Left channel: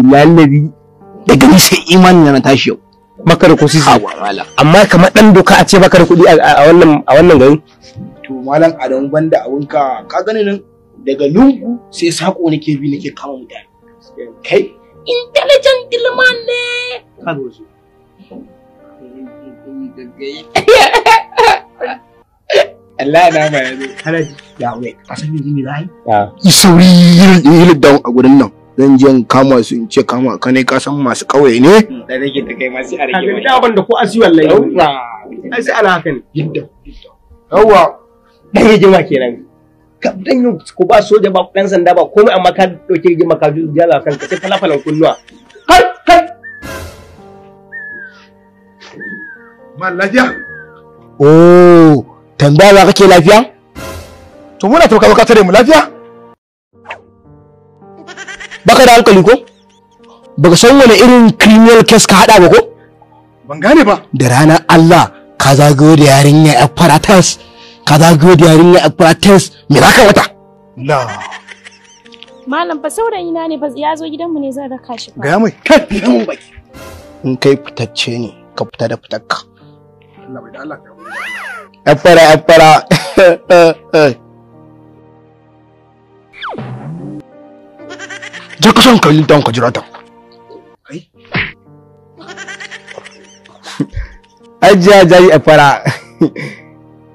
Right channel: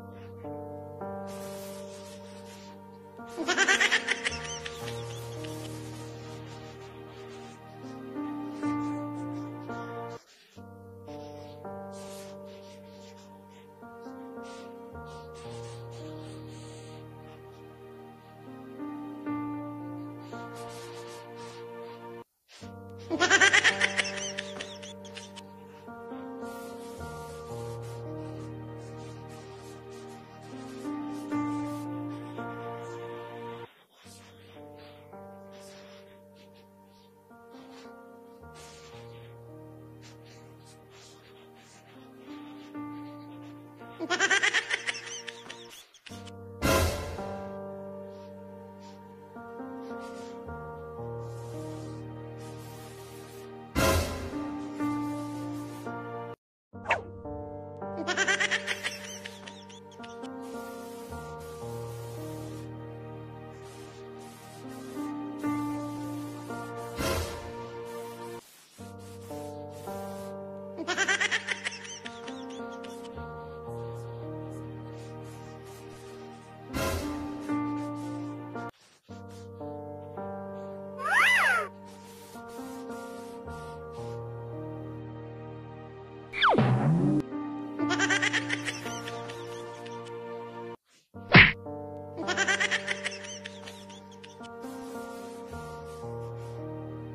Lallabi daga ni sai imani na tashi yau. Baka da kusi amma kamar dan doka a ce baka da kuɗi a wannan garin. To malam Adamu banda abunka ka gani nan daga lungu sai sako nake bi nake kama mutane. Kai intelligent gilman ne. Ka zo su. Allah na mai halaji ya wai asali ne rai. Yi sauri yin da a gurin nan. Zan je kama su in ce kama ka ne ka san masu kauye ne da rage ta kai masu a rage da ban da ko asi wallahi ai sai ana haka ne yadda yawa dan rigima kenan dan yin ko ba soja ba dan sanda ba komai amma ka dauke rigima ka jala kan ka sai falafalan kunnuwa kai mal lafiya oh tambaya ba kake lafiya to muna to ka tare mu lafiya baka da hankali ko baka san wani irin criminal case ka hada ba ko ban gane ba da ranar Allah ka zagayo da yarinya a paratas me za ka wata la malam fa saurayi na ne fa ya zo gidanmu ne zan raka shi ga mai kai mun baki in kai fitacce ne ka fita da fitakka Allah bai da Allah ya fara je ka san kalli don ka jira ta kai ajiya jayi a fara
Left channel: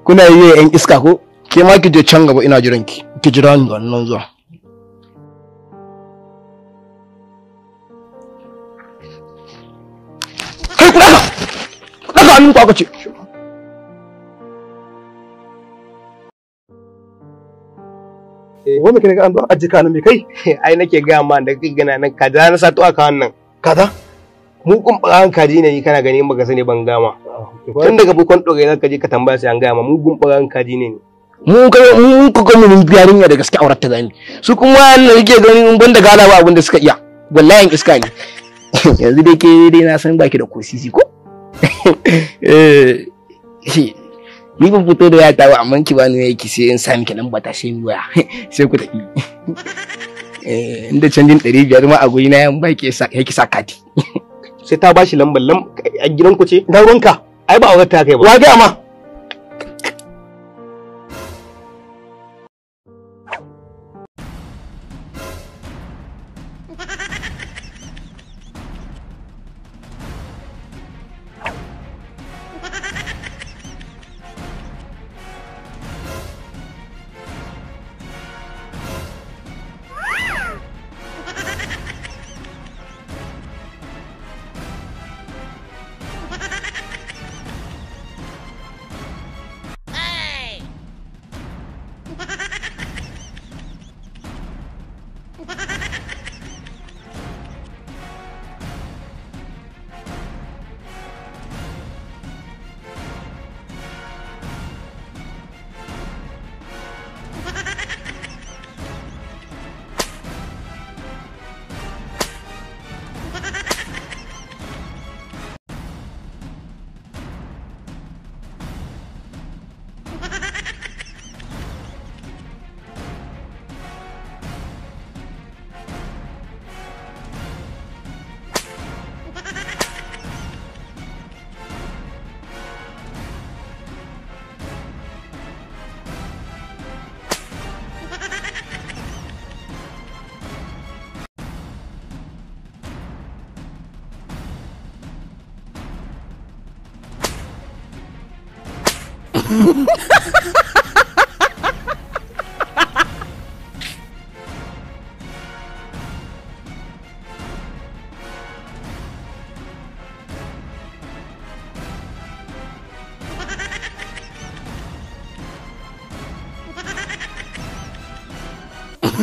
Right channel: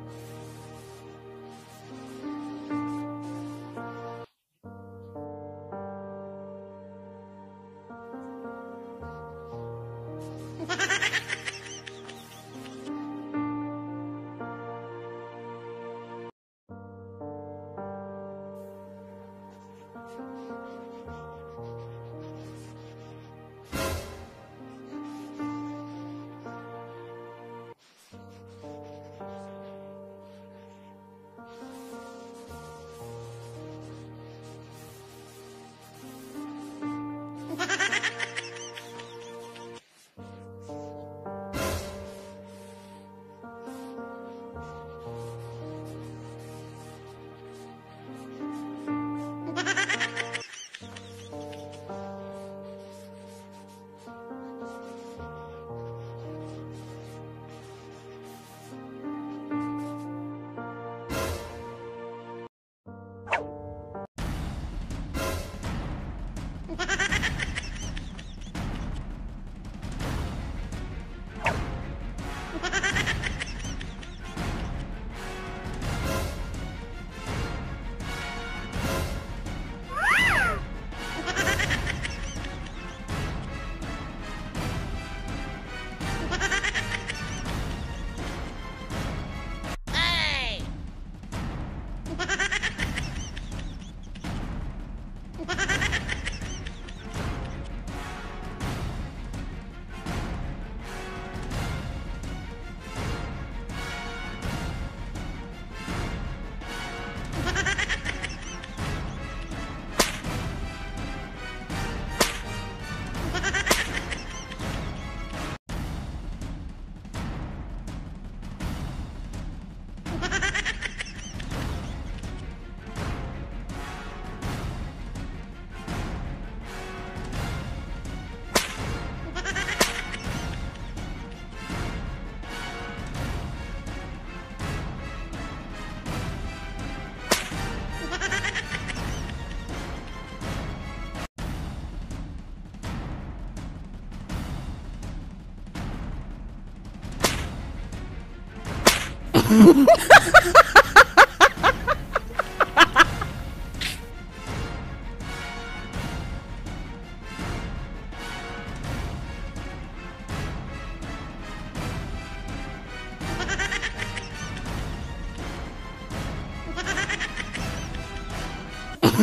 kuna yi yan iska ko ke ma ki je can gaba ina jiran ki jira ni wannan zuwa kai ku daga hannun ku aka ce wani kene ga an zo ajika nan me kai ai nake ga ma da gana nan kaza na sato aka wannan kaza mu kun baran kaji ne kana gani baka sani ban gama tun daga bukon dore zaka je ka tambaya sai an gama mu gun baran kaji ne mu ku ga mun biyarin da gaske aurar ta gani su kuma wannan yake gani mun banda gala ba abin da suka iya wallahi iska ne yanzu dai ke dai na san baki da kosisi ko ni ban fito da yata ba amma ki bani yake sai in sa miki nan ba ta sai mi waya sai ku tafi inda canjin 500 ma a goyi na yan baki yake sa kati sai ta bashi lambar a gidan ku ce dan ruwanka ai ba aure ta kai ba wa ga ma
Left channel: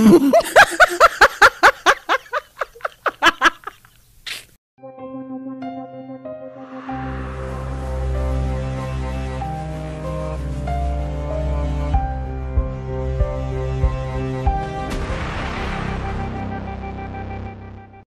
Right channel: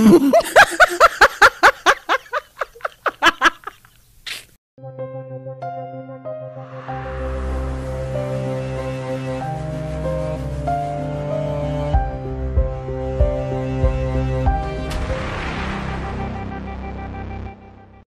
Ha ha ha!